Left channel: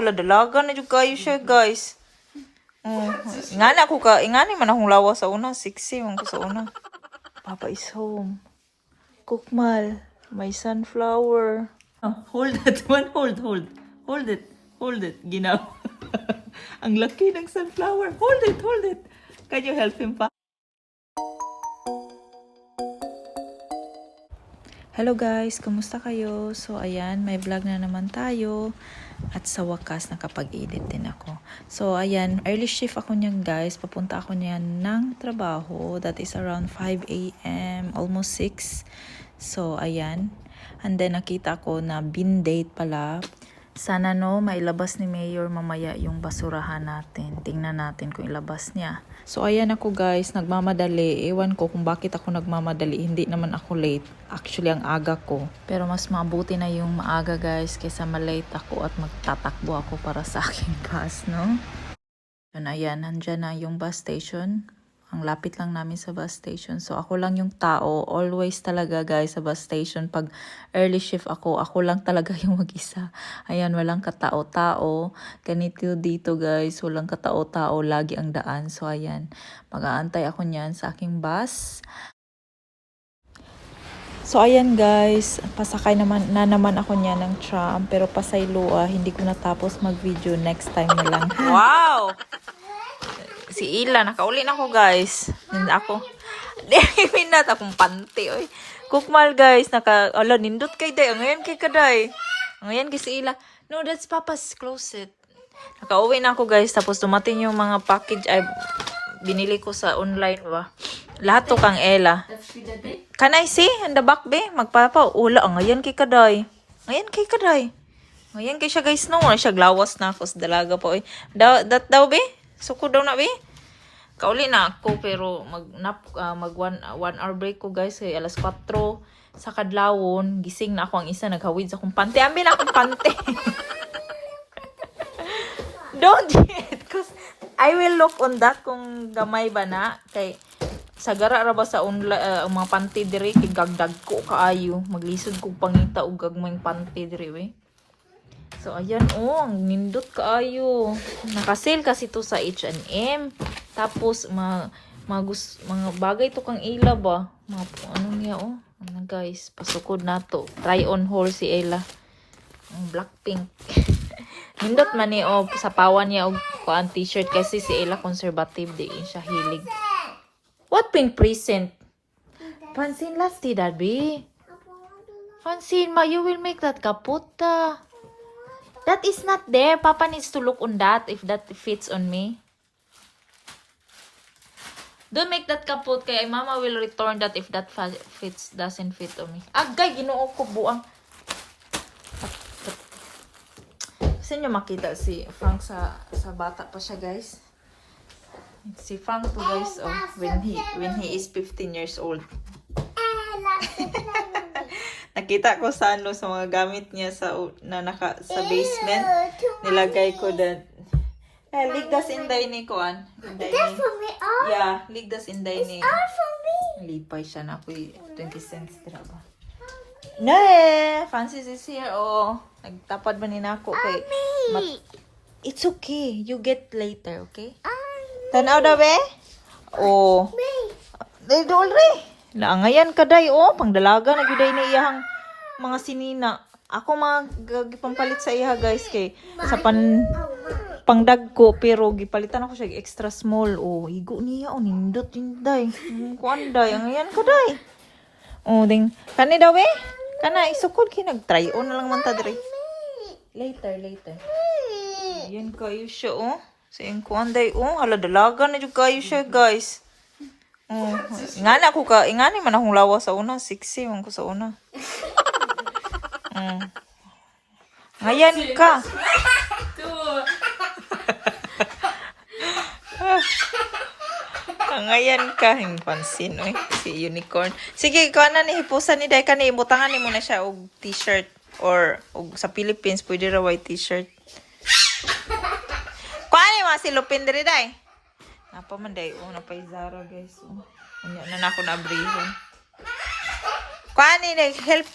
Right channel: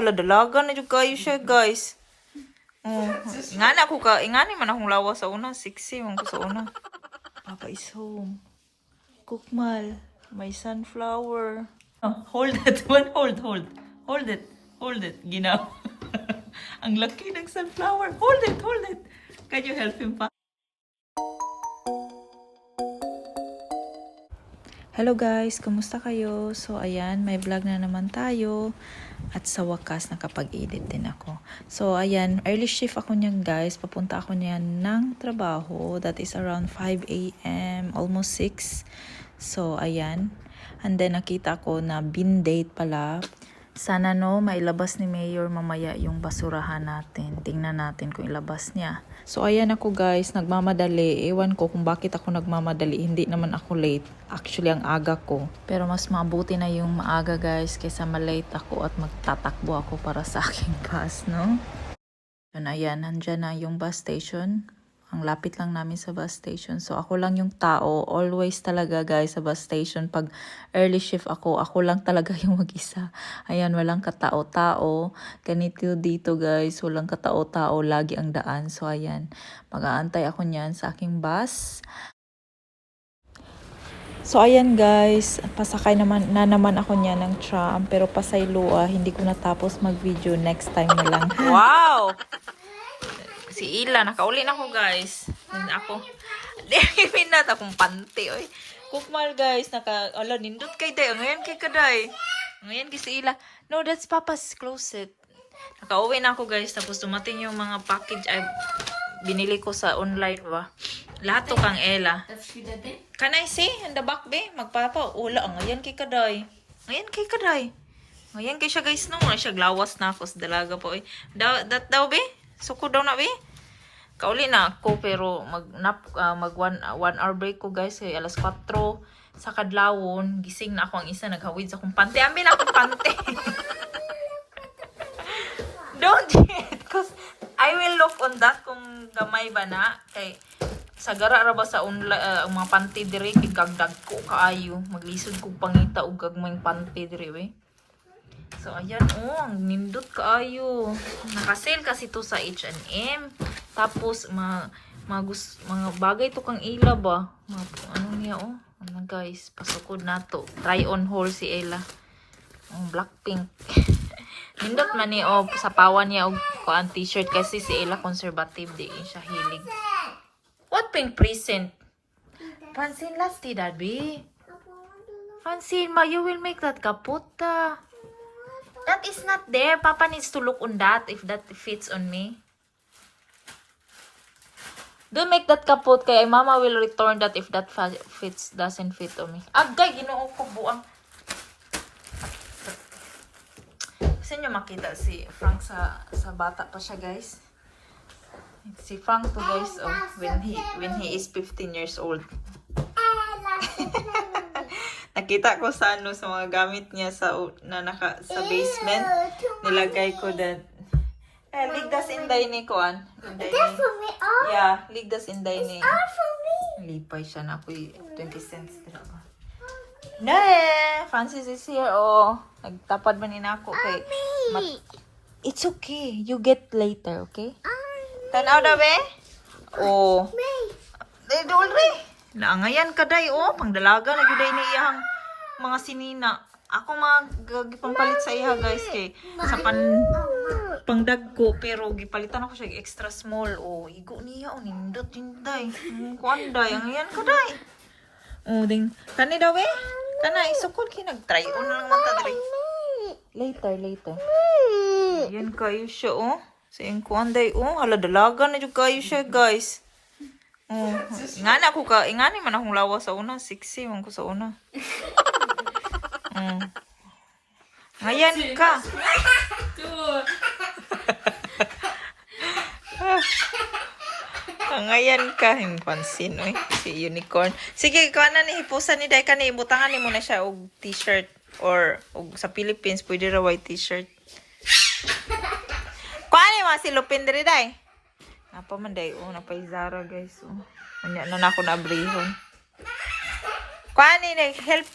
hala dalaga na jud kayo siya, guys. Ingana ko ka, ingani man akong lawa sa una, sexy man ko sa una. Papa is home. Kukmal, my sunflower. Oh, hold that one, hold it, ginaw. Ang laki ng sunflower, hold it. Can you help him pa? Hello guys, kamusta kayo? So ayan, may vlog na naman tayo. At sa wakas, nakapag-edit din ako. So, ayan, early shift ako niyan guys. Papunta ako niyan ng trabaho. That is around 5 a.m. Almost 6. So, ayan. And then, nakita ko na bin date pala. Sana no, mailabas ni Mayor mamaya yung basurahan natin. Tingnan natin kung ilabas niya. So, ayan ako guys, nagmamadali. Ewan ko kung bakit ako nagmamadali. Hindi naman ako late. Actually, ang aga ko. Pero mas mabuti na yung maaga guys kaysa malate ako at magtatakbo ako para sa aking bus, no? Yun, ayan, nandyan na yung bus station. Ang lapit lang namin sa bus station. So, ako lang yung tao. Always talaga, guys, sa bus station. Pag early shift ako lang talaga yung mag-isa. Ayan, walang katao-tao. Ganito dito, guys. Walang katao-tao. Lagi ang daan. So, ayan. Mag-aantay ako niyan sa aking bus. So, ayan, guys. Pasakay naman ako niyan ng tram. Pero pasaylo, hindi ko natapos mag-video. Next time na lang. Wow! Si Ila, nakauli na ako guys. Hindi ako. Minat akong panty. Oy. Kukmal guys, nindot kay day. Ngayon kay kaday. Ngayon kay si Ila. No, that's Papa's closet. Nakauwi na ako guys. Tapos dumating yung mga package ay binili ko sa online ba. Lahat to kang Ella. Can I see? In the back be? Magpapaula. Ngayon kay kaday. Ngayon kay kaday. Ngayon kay siya guys. No, siya glawas na ako sa dalaga po. That daw be? Suko daw na be? Kauli na ako pero mag 1 hour break ko guys kay alas 4 sa kadlawon. Gising na ako ang isa naghawid sa akong pante. Ambil na akong pante. Don't it cause I will look on that kung gamay ba na kay sagara ra ba sa online mga pante dire tigagdag ko kaayo. Maglisod ko pangita og gagmayng pante dire we. So, ayan, ang nindot kaayo. Nakasale kasi to sa H&M. Tapos, mga bagay to kang Ella ba? Ano niya, Ano guys, pasukod na to. Try on haul si Ella. Ang Blackpink. Nindot man ni, sa pawan niya, kuan t-shirt. Kasi si Ella conservative, di siya hilig. What pink present? Francene, last day, Daddy. Francene, you will make that kaputa. That is not there. Papa needs to look on that if that fits on me. Don't make that kaput kaya Mama will return that if that doesn't fit on me. Agay, ginoo ko buang. Kasi nyo makita si Frank sa bata pa siya guys. Si Frank to guys when he is 15 years old. Nakita ko sa sa mga gamit niya sa basement. Nilagay ko that. Ligdas inday ni Kuan. Yeah, ligdas inday ni. Lipay siya na ako 20 cents talaga. Francis is here. Nagtapad man ni nako kay. It's okay. You get later, okay? Tanaw daw be? Dole. Naangayan kaday pangdalaga na giday na iyang mga sinina. Ako pampalit sa iha guys kay sa pangdag ko pero gipalitan ako siya extra small. Higo niya nindot tinday. Kuanday angayan kaday. Ding kani daw kana isukod kinag-try on na lang man ta dire. Later. Yan kayo siya sa kuanday hala dalaga na jud kayo siya guys. Ingani man akong lawa sa una. Sexy man ko sa una. Ngayon ka. Ngayon ka. Pansin, si unicorn. Sige, ikaw na ni hipusan ni Day. Ibutangan ni mo na siya og t-shirt. Or sa Philippines, pwede raw white t-shirt. Kuha ni mga silupin diri Day. Napa man day napay Zara guys Unya na ako na abrihon. Kuani day help.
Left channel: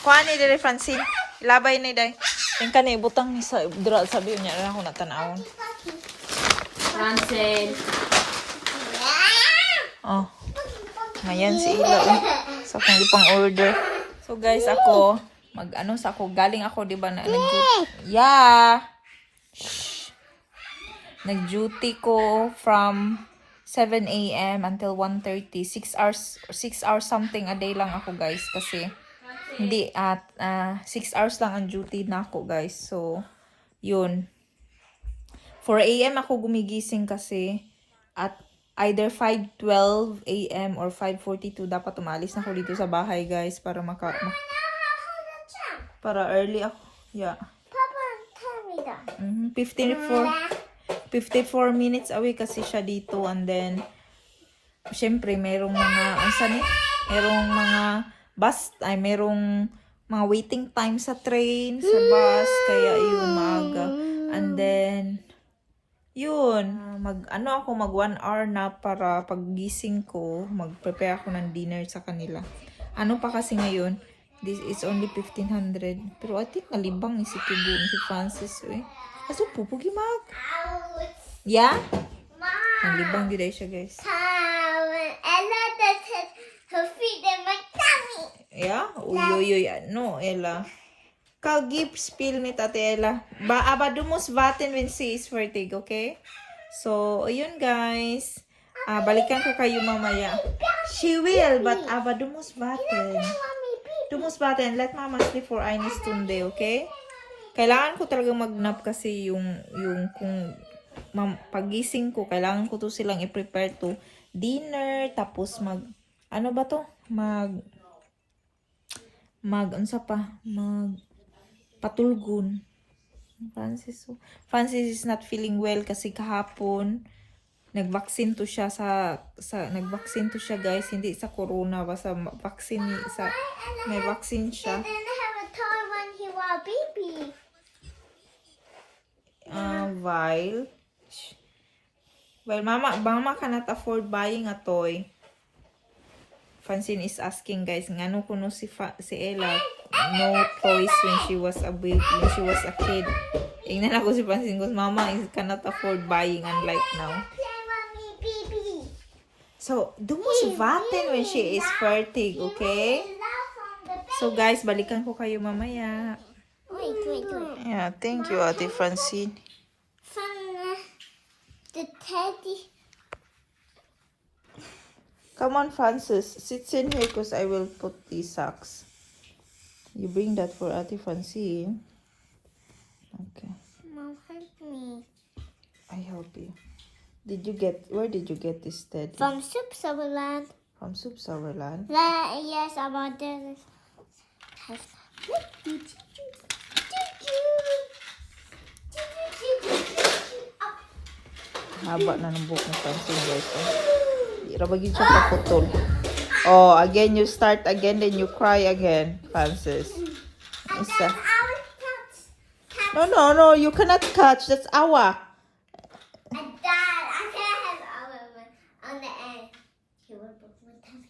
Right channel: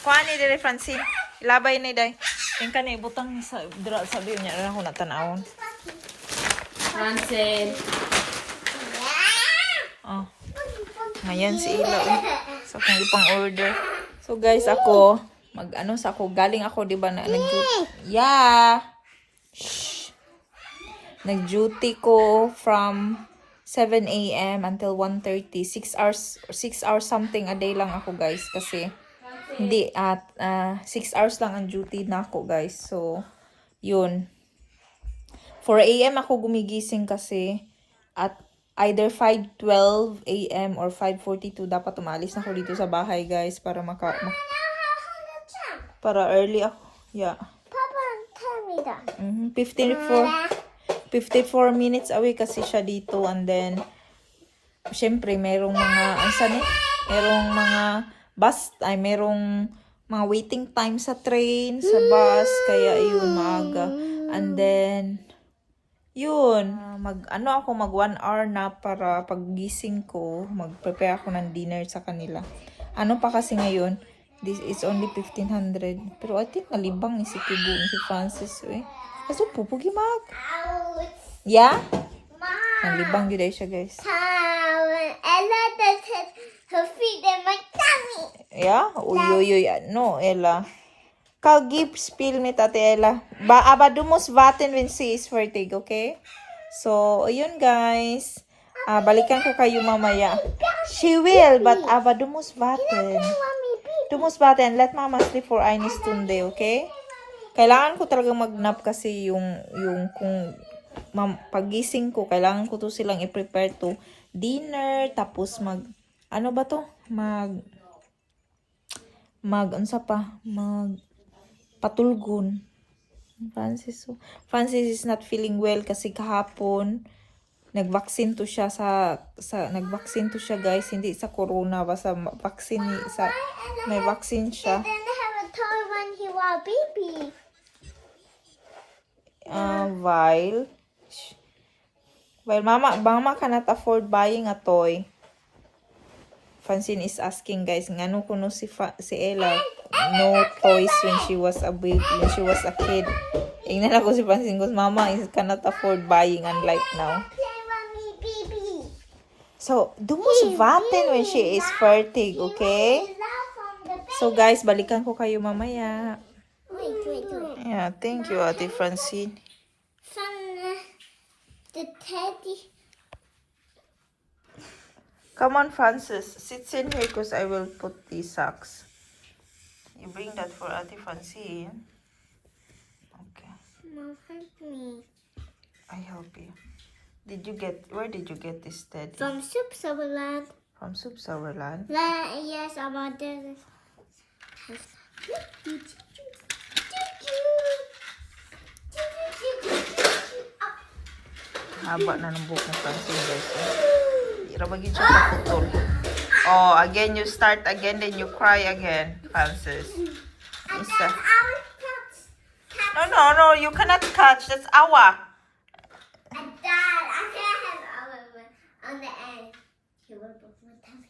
Kuani day Francine. Labay ni day. Yung kani butang ni sa dra sabi niya na ako natanawon. Francene. Oh. Ngayon si Ila. So kung ipang order. So guys, ako mag-ano sa ako galing ako 'di ba na nag-duty. Yeah. Nag-duty ko from 7 a.m. until 1:30. 6 hours something a day lang ako guys kasi hindi at 6 hours lang ang duty na ako guys. So yun. 4 a.m. ako gumigising kasi at either 5:12 a.m. or 5:42 dapat umalis na ako dito sa bahay guys para para early ako. Yeah. Papa, tell me that. 54 minutes away kasi siya dito and then syempre merong mga merong mga bus ay merong mga waiting time sa train, sa bus kaya yun maaga. And then yun, mag 1 hour na para paggising ko, mag-prepare ako ng dinner sa kanila. Ano pa kasi ngayon, this is only 1,500. Pero I think nalibang ni si Kibu, ni si Francis eh. Kaso pupugi mag. Yeah? Nalibang yun siya guys. Ella does her feet in my tummy. Yeah? Uy, no, Ella. Kau gib spill ni Tate Ella. Du musst warten wenn sie ist fertig, okay? So, ayun guys. Balikan ko kayo mamaya. She will, but du musst warten. Du musst warten. Let Mama sleep for eine Stunde, okay? Kailangan ko talaga mag-nap kasi yung kung pagising ko, kailangan ko to silang i-prepare to dinner, tapos patulgon. Francis is not feeling well kasi kahapon nag-vaccine to siya guys, hindi sa corona basta vaccine may vaccine siya. He didn't have a toy when he was a baby. While mama cannot afford buying a toy. Francine is asking guys, ngano kuno si Ella no toys when she was a baby, when she was a kid. Ingnan ako si Francine because mama cannot afford buying unlike now. So, du musst warten when she is fertig, okay? So guys, balikan ko kayo mamaya. Wait. Yeah, thank you Ate Francine. From the teddy. Come on, Francis. Sit in here because I will put these socks. You bring that for Ate Francine. Okay. Mom, help me. I help you. Where did you get this teddy? From Switzerland. From Switzerland? Yes, I want this. Haba na ng buhok ng Francine, guys. Irabagin siya kaputol. Oh, again, you start again, then you cry again, Francis. Isa. No, you cannot catch. That's ASAWA. Dad, I can't have our on the end. He will put my tummy.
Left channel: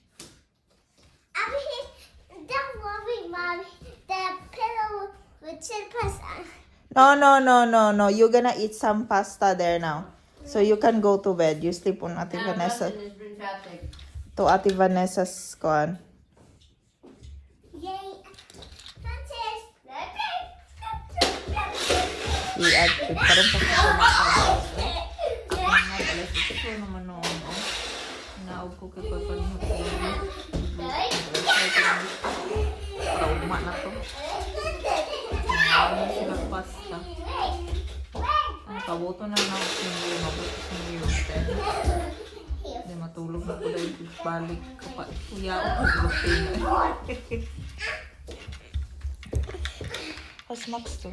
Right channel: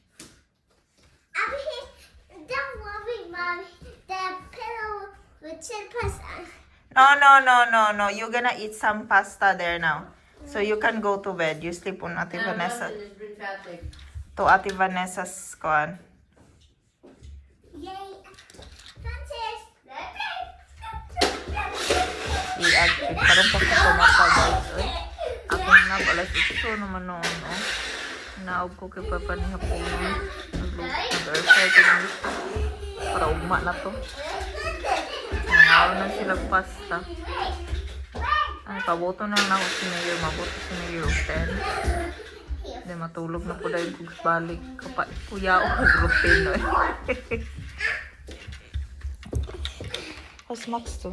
Don't worry, Mommy. The pillow with chill pasta. No. You're gonna eat some pasta there now. So you can go to bed. You sleep on Ate Vanessa. To Ate Vanessa's kuan. Yay. Francis. I-add. Parang pagkakumata guys. Ako na pala ito naman noon. Oh. Naog ko kay Papa ni Hapon. Para ugma na to. Nangaw na sila pasta. Ay, paboto na ako sinigil. Mabuto sinigil 10. Then matulog na po dahil kung balik. Kapag kuya o Filipina. Kas Max to.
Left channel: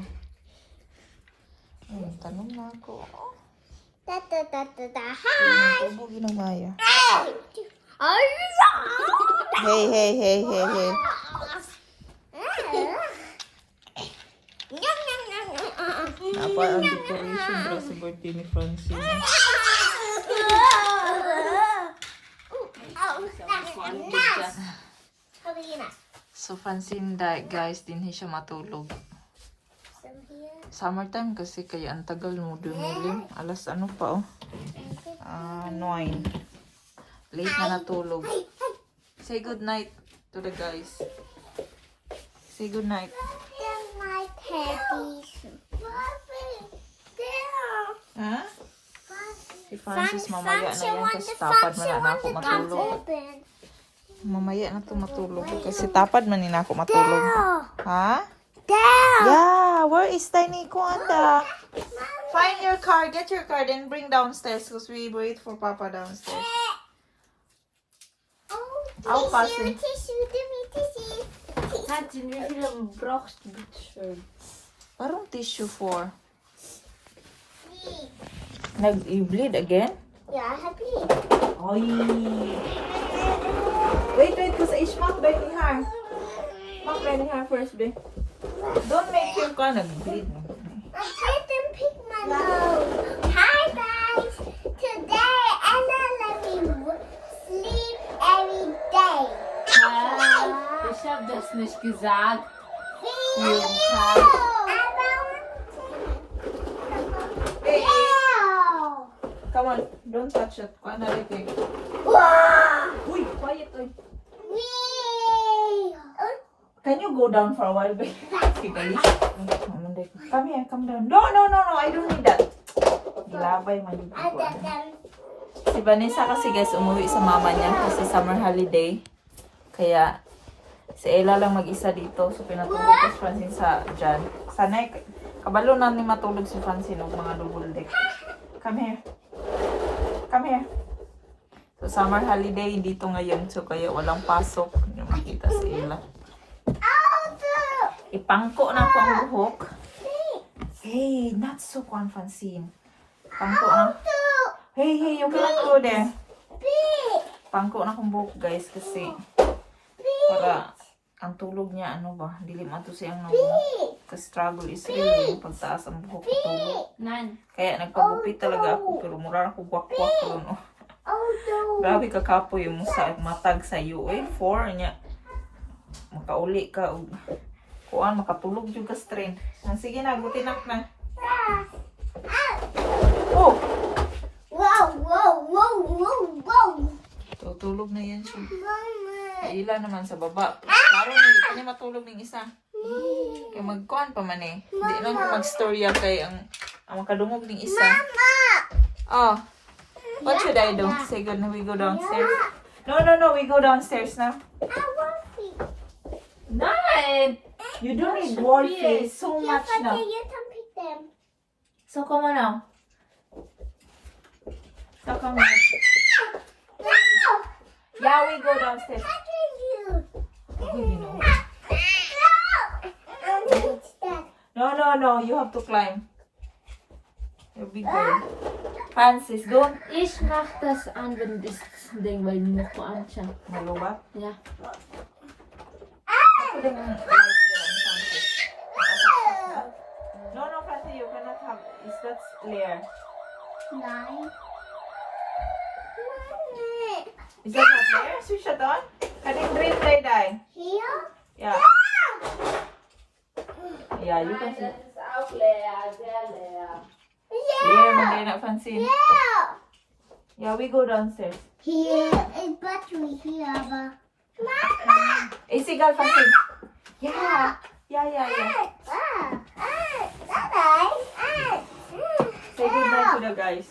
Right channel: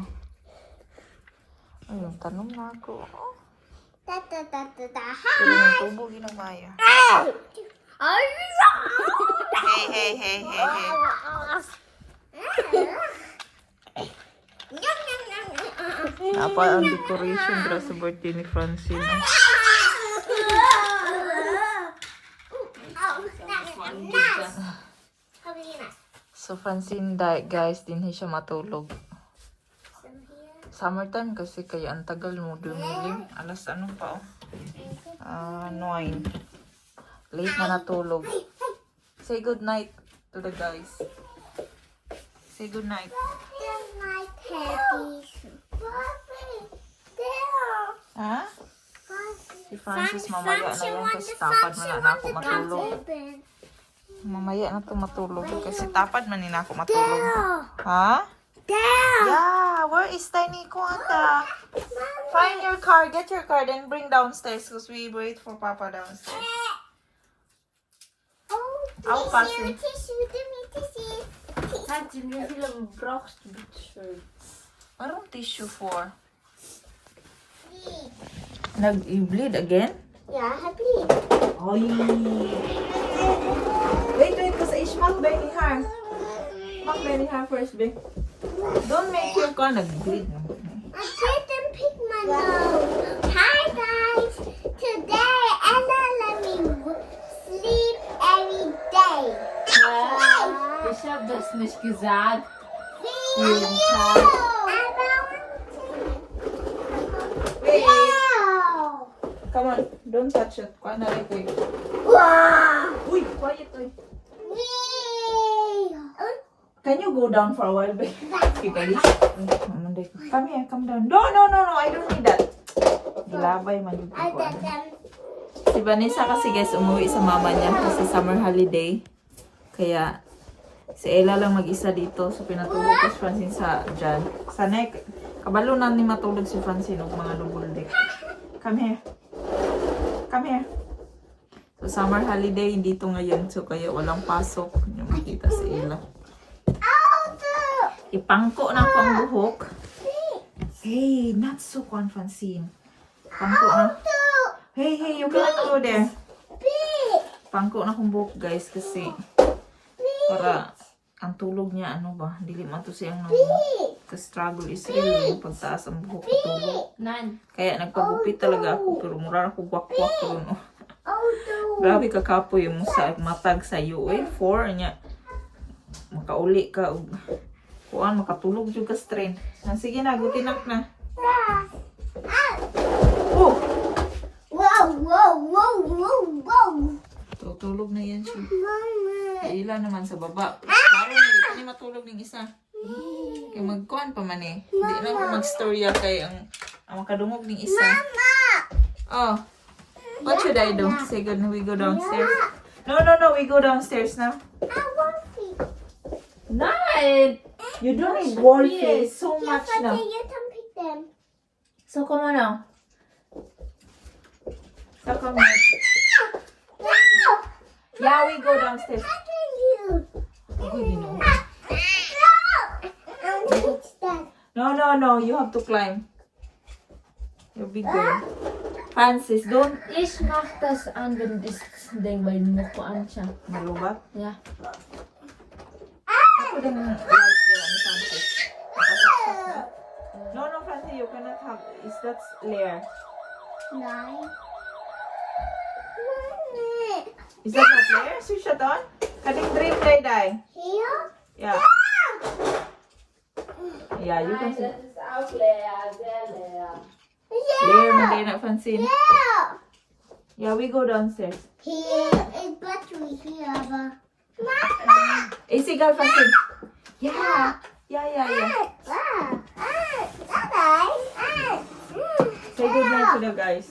Ayun, tanong na ako. Pero yung tubo ginagaya. Hey. Napa ang decoration dra sa birthday ni Francine. So Francine, guys, din siya matulog. summertime kasi kaya ang tagal mo dumilim. Alas ano pa oh. 9. Late na natulog. Say good night to the guys. Say good night. Ha? Si Francis mamaya na yan kasi tapad man na ako matulog. Mamaya na to matulog kasi tapad man na ako matulog. Ha? Yeah, where is Tiny Kwanda? Find your car, get your car, then bring downstairs because we wait for Papa downstairs. I'll pass it. Parang tissue for? Nag-bleed again? Yeah, I bleed. Oy. Wait, because I smack back in her. Smack back in her first, babe. Don't make your car nag-bleed. I didn't pick my nose. Hi guys. Today Ella let me sleep every day. Ich hab das nicht gesagt. Jeden Tag. Hey, come on, don't touch it. Kuha na rin quick. Wow. Uy, quiet, uy. Can you go down for a while, babe? Come here, come down. No, I don't need that. Gilabay man yung ko. Si Vanessa kasi guys, umuwi sa mama niya kasi summer holiday. Kaya, si Ella lang mag-isa dito. So, pinatulog ko si Francine sa dyan. Sana, kabalo na ni matulog si Francine ng mga double deck. Come here. Come here. So, summer holiday dito ngayon. So, kaya walang pasok. Hindi makita si Ella. Ipangko na ko ang buhok. Hey, not so kwan, Francine. Pangko na. Hey, you cannot go there. Pangko na kong buhok, guys, kasi para ang tulog niya, ano ba, dili man to siyang kasi struggle is real yung pagtaas ang buhok at tulog. Kaya nagpagupit talaga ako, pero mura ako gwak-gwak ko, no? Grabe kakapoy mo sa matag sa UA 4 niya. Makauli ka, kuan, makatulog yung ka-strain. Sige na, gutinak na. Oh! Wow. Tutulog na yan siya. Ila naman sa baba. Parang hindi ni matulog ng isa. Kaya magkuhan pa man eh. Hindi lang ko mag-storya kay ang makadungog ng isa. Oh. What should I do? Say good na we go downstairs. No, we go downstairs now. Nine! You don't need Wolfie so much now. You can pick them. So come on now. So come on. Yeah, we go downstairs. Good, you know. No, you have to climb. You're big girl. Francis, don't. Ich mach das an, wenn das Ding, weil du noch anschauen. Malubat? Ja. Ako din ang light lang, Francis. No, Francis, you cannot have. Is that layer? Is that not layer? Switch it on? Kaning dream play die. Here? Yeah. Yeah, you can see. Das ist auch leer, sehr leer. Layer man din na, Francine. Yeah, we go downstairs. Here is battery here, but Isigal, Francine. Yeah. Say good night to the guys.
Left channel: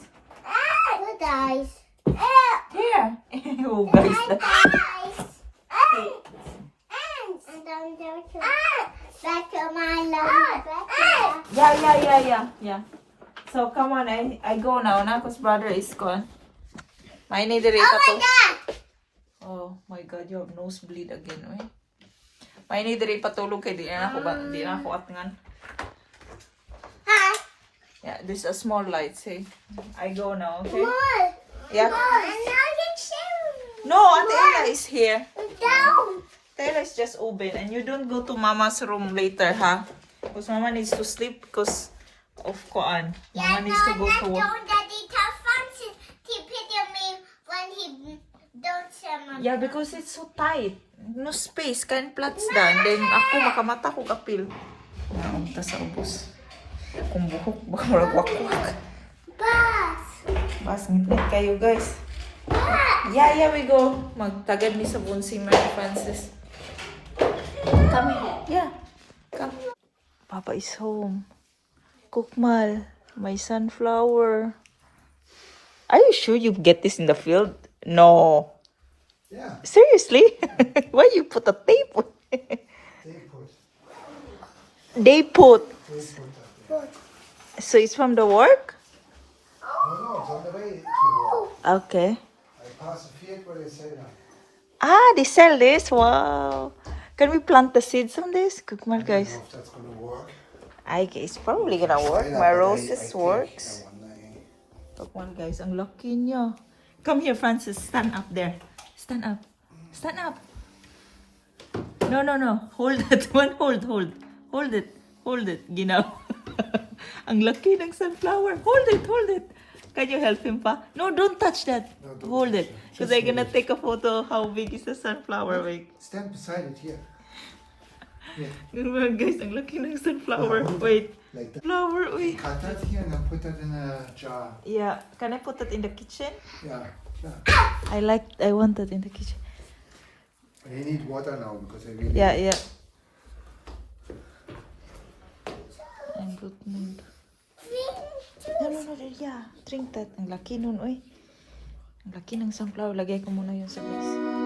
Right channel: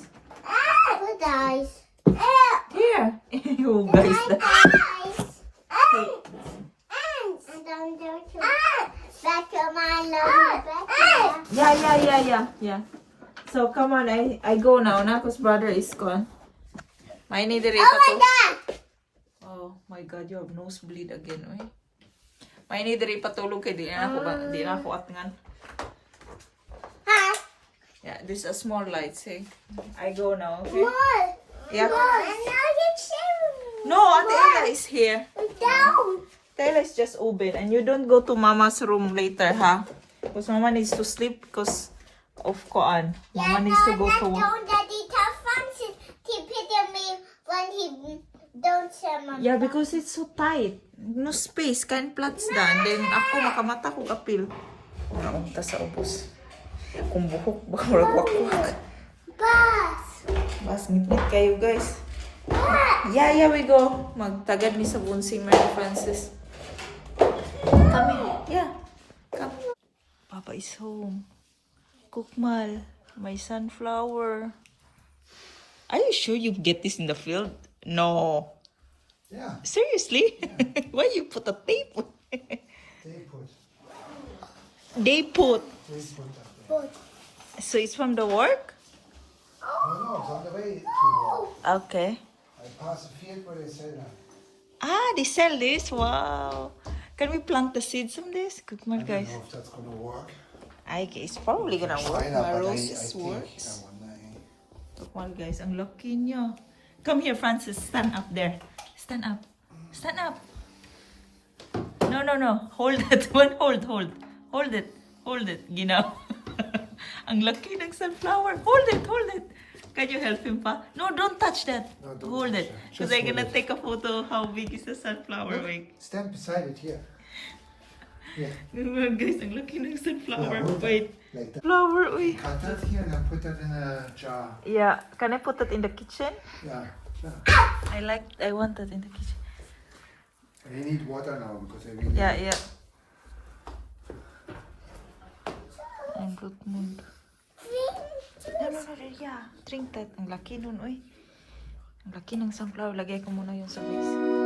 Here. Oh, guys. Back to my love. Yeah. So, come on. I go now. Nako's brother is gone. May nidiri pa to. Oh my God, you have nosebleed again, oy. May nidiri patulog kay di na ako atngan. Hi. Yeah, this is a small light, say. I go now, okay? More. Yeah. And now you're sharing. No, Ate Ella is here. Down. Ella is just open, and you don't go to Mama's room later, huh? Because Mama needs to sleep because of Koan. Mama needs to go to work. Daddy tell Francis to pity me when he don't say Mama. Yeah, because it's so tight. No space, kain plats da. And then ako makamata ko kapil. Naunta sa ubos. Kung buhok ba, wakwak. Bus. Mas ngipit kayo guys. Yeah, we go. Magtagad ni sa bunsing Mary Frances. Come here. Yeah. Come. Papa is home. Kukmal, my sunflower. Are you sure you get this in the field? No. Yeah, Seriously? Why you put a tape? They put. So it's from the work? No, it's on the way to work. Okay. I pass the field where they sell them. Ah, they sell this? Wow. Can we plant the seeds on this? Kukmal, I don't guys. know if that's going to work. I guess probably gonna work. Try that, My but roses I think works. that one, Kukmal, guys. Ang laki niyo. Come here, Francis. Stand up there. Stand up. Stand up. No. Hold that one. Hold it. Hold it. Ginaw. Ang laki ng sunflower. Hold it. Can you help him pa? No, don't touch that. No, don't Hold touch it. that. Because Just I'm gonna hold it. take a photo of how big is the sunflower wing. Stand beside it here. Yeah. Guys, ang laki ng sunflower. Yeah, hold it. Wait. Like that. Flower, uy. Cut that here and then put that in a jar. Yeah. Can I put that in the kitchen? Yeah. I want that in the kitchen. And you need water now because I really. Yeah. Ang good mood. No, yeah. Drink that. Ang laki nun, uy. Ang laki ng sunflower. Lagay ko muna yun sa base.